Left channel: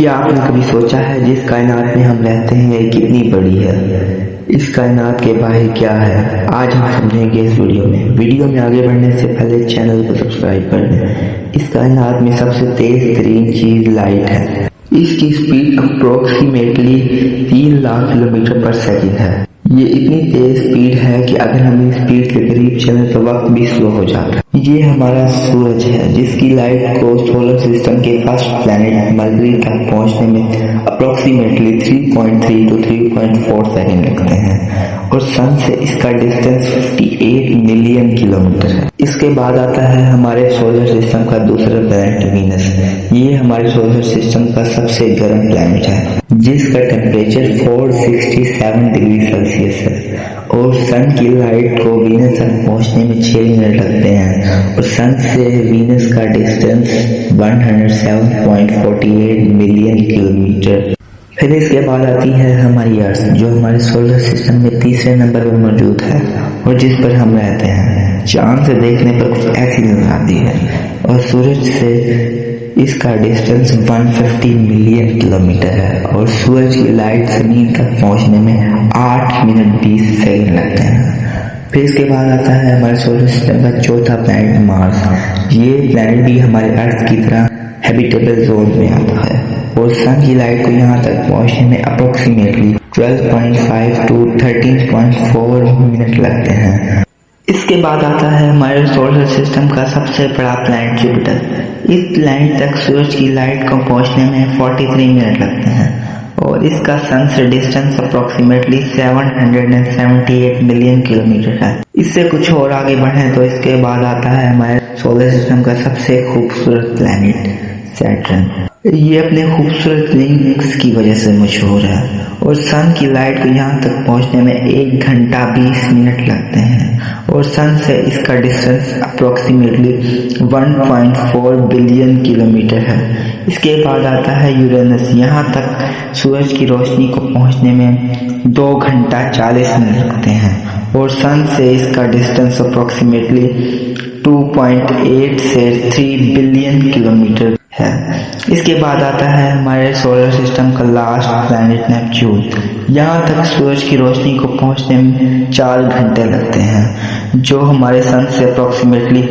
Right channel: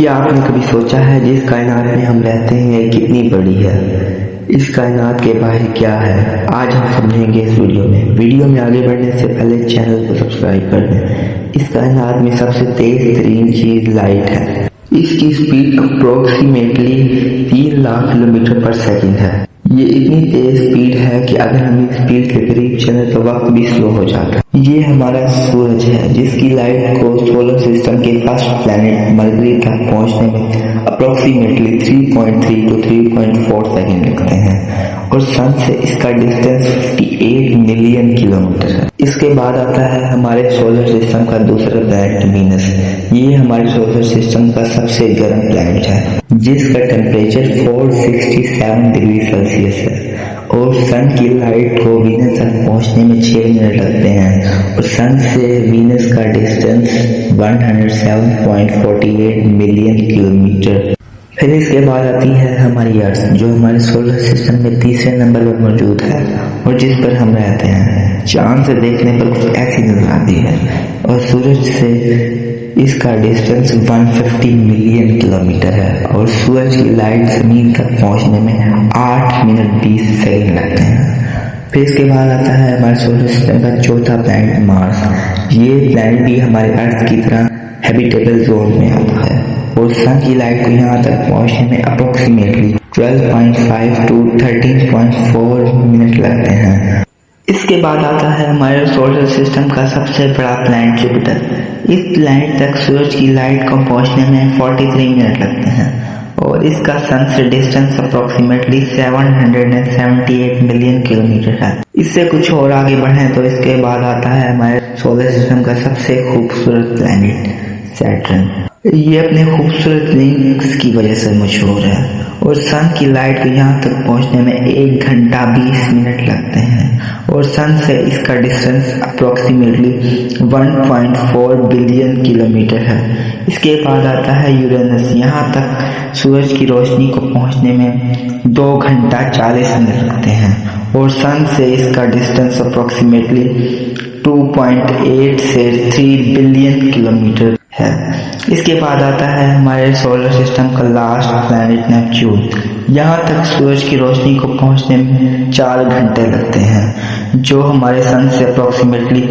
کیا آپ نے کبھی سوچا ہے جس کائنات میں ہم رہتے ہیں یہ کتنی بڑی ہے؟ اس کائنات کے باہر کیا ہے؟ آج ہم سمجھیں گے اس ویڈیو میں آگے بڑھنے سے پہلے چینل کو سبسکرائب کر دیں۔ اس کائنات میں سب سے تیز ترین چیز لائٹ ہے۔ اس کی speed approximately 3 lakh kilometre per second ہے۔ یہ اتنی تیز سپیڈ ہے کہ اگر ہم اس سپیڈ کے قریب چلیں تو وقت بھی سلو ہو جاتا ہے۔ یہ ہمارا سورج ہے جس کی لائٹ کو سولر سسٹم کے فرسٹ پلانٹ مرکری تک پہنچنے میں اپروکسیمیٹلی 3.3 to 3.4 سیکنڈ لگتے ہیں، اور سن سے اس کا ڈسٹینس 58 ملین کلومیٹر ہے۔ اس کے بعد آتا ہے ہمارے سولر سسٹم کا دوسرا پلانٹ وینس۔ یہ ہمارے سولر سسٹم کا سب سے گرم پلانٹ ہے جس کا ٹیمپریچر 467 ڈگری سیلسیس ہے، اور سن کی لائٹ کو وینس تک پہنچنے میں 6 منٹ لگتے ہیں، اور سن سے وینس کا ڈسٹینس 107.48 ملین کلومیٹر۔ پھر اس کے بعد آتی ہے ہماری ارتھ، جو ہمارے سولر سسٹم میں تیسرے نمبر پر موجود ہے اور جس پر ہم رہتے ہیں۔ چاند سے دیکھنے پر کچھ ایسی نظر آتی ہے، اور سورج سے اس کا ڈسٹینس 150 ملین کلومیٹر ہے، اور سورج کی لائٹ زمین تک پہنچنے میں 8 منٹ 20 سیکنڈ لگتے ہیں۔ پھر اس کے بعد آتا ہے ہمارے سولر سسٹم کا چوتھا پلانٹ مارس۔ یہ پلانٹ بھی ہمارے ارتھ کی طرح ہیبیٹیبل زون میں آتا ہے، اور سن کی لائٹ کو یہاں تک پہنچنے میں اپروکسیمیٹلی 12.5 to 13.4 منٹ لگتے ہیں۔ اس کے بعد آتا ہے ہمارے سولر سسٹم کا سب سے بڑا پلانٹ جوپیٹر۔ اس پلانٹ تک سورج کی لائٹ کو پہنچنے میں 43 منٹ لگتے ہیں، اور اس کا سن سے ڈسٹینس اپروکسیمیٹلی 778 ملین کلومیٹر ہے۔ اس سے کچھ اور آگے بڑھیں تو اس کے بعد آتا ہے ہمارے سولر سسٹم کا سب سے خوبصورت پلانٹ سیٹرن۔ یہ اپنے خوبصورت رنگز کی وجہ سے مشہور ہے، اور سن کی لائٹ کو یہاں تک پہنچنے میں 1 گھنٹہ 20 منٹ لگتے ہیں، اور سن سے اس کا ڈسٹینس اپروکسیمیٹلی 1.4 بلین کلومیٹر ہے۔ اس کے بعد آتا ہے یورینس۔ یہاں تک سورج کی روشنی کو پہنچنے میں 2 گھنٹہ 40 منٹ لگتے ہیں، اور سن سے اس کا ڈسٹینس اپروکسیمیٹلی 2.8 سے 3 بلین کلومیٹر ہے۔ اس کے بعد آتا ہے ہمارے سولر سسٹم کا لاسٹ پلانٹ نیپچون۔ یہاں تک سورج کی روشنی کو پہنچنے میں 4 گھنٹے لگتے ہیں، جو ہمارے سن سے اپروکسیمیٹلی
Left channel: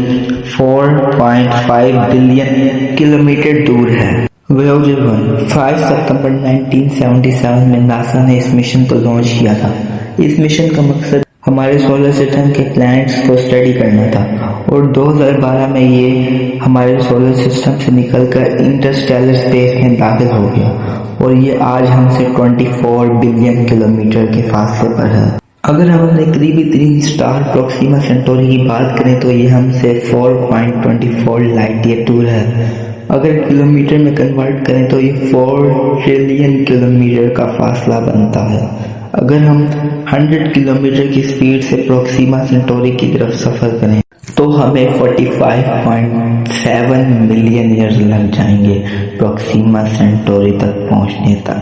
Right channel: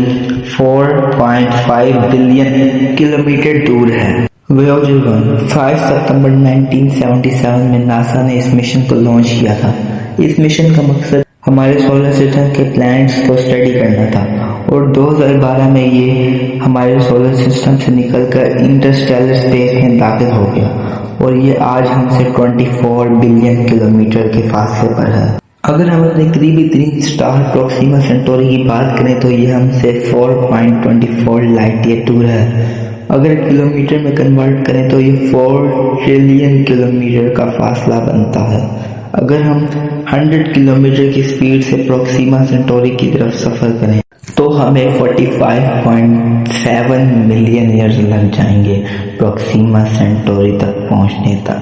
4.5 بلین کلومیٹر دور ہے۔ ویوجر 1 5 ستمبر 1977 میں ناسا نے اس مشن کو لانچ کیا تھا۔ اس مشن کا مقصد ہمارے سولر سسٹم کے پلانٹس کو اسٹڈی کرنا تھا، اور 2012 میں یہ ہمارے سولر سسٹم سے نکل کر انٹرسٹیلر اسپیس میں داخل ہو گیا، اور یہ آج ہم سے 24 بلین کلومیٹر کے فاصلے پر ہے۔ اگر ہم اپنے قریبی ترین سٹار پروکسیما سینٹوری کی بات کریں تو یہ ہم سے 4.24 لائٹ ایئر دور ہے۔ اگر کلومیٹر میں کنورٹ کریں تو یہ 4 ٹریلین کلومیٹر کا فاصلہ بنتا ہے۔ اگر ہم 100 کلومیٹر کی سپیڈ سے پروکسیما سینٹوری کی طرف سفر کریں تو ہمیں 45.7 ملین ایئرز لگ جائیں گے پروکسیما سینٹوری تک پہنچنے تک۔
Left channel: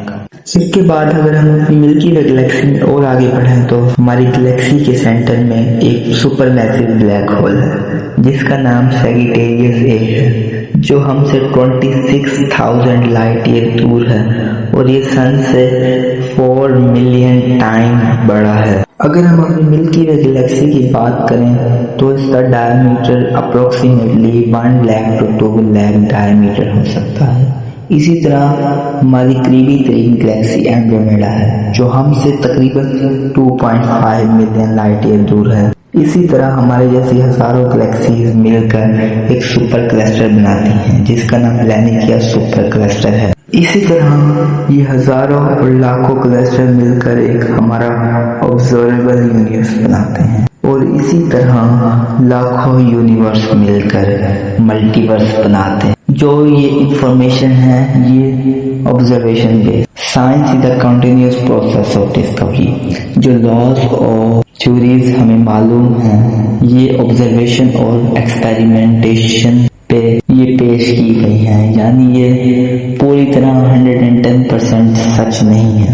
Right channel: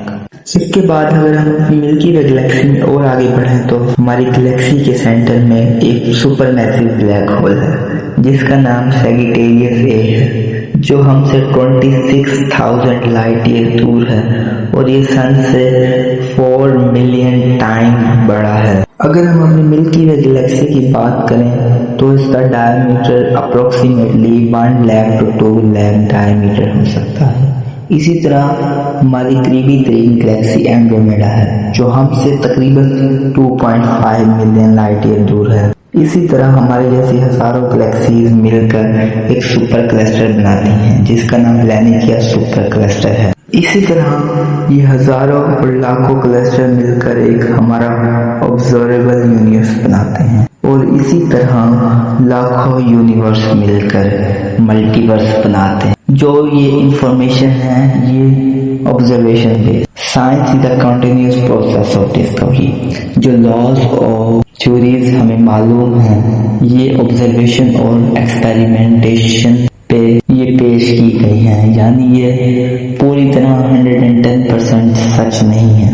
اس کے بعد اگر ہم اپنی ملکی وے گلیکسی میں اور آگے بڑھیں تو ہماری گلیکسی کے سینٹر میں ایک سپر میسیو بلیک ہول ہے جس کا نام سیگیٹیریس اے ہے، جو ہم سے 26,000 لائٹ ایئر دور ہے، اور یہ سن سے 4 ملین ٹائم بڑا ہے۔ اگر ہم اپنی ملکی وے گلیکسی کی بات کریں تو اس کا ڈائیمیٹر اپروکسیمیٹلی 1 لاکھ to 2 لاکھ ڈائیمیٹر ہو سکتا ہے۔ اسی طرح ہماری قریبی ترین گلیکسی اینڈرومیڈا ہے، جو ہم سے تقریباً 2.5 ملین لائٹ ایئر دور ہے۔ اسی طرح ہمارے جیسی ہزاروں گلیکسیز مل کر ایک سپر کلسٹر بناتی ہیں جس کا نام لینیکیا سپر کلسٹر ہے۔ اسی طرح یہ ہزاروں اور لاکھوں کلسٹر مل کر ایک ہمارا آبزرویبل یونیورس بناتے ہیں، اور اسی طرح لاکھوں یونیورس مل کر ملٹی ورس بناتے ہیں۔ جو یہ انفارمیشن ہے یہ observation base science is a continuous process of Discovery. جو لاز اور تھیوریز ہمیں معلوم ہیں یہ آبزرویشن اور ایکسپیریمنٹیشن پہ یہ پیش کی گئی ہیں، یعنی یہ پوری طرح 110% سچ نہیں ہے۔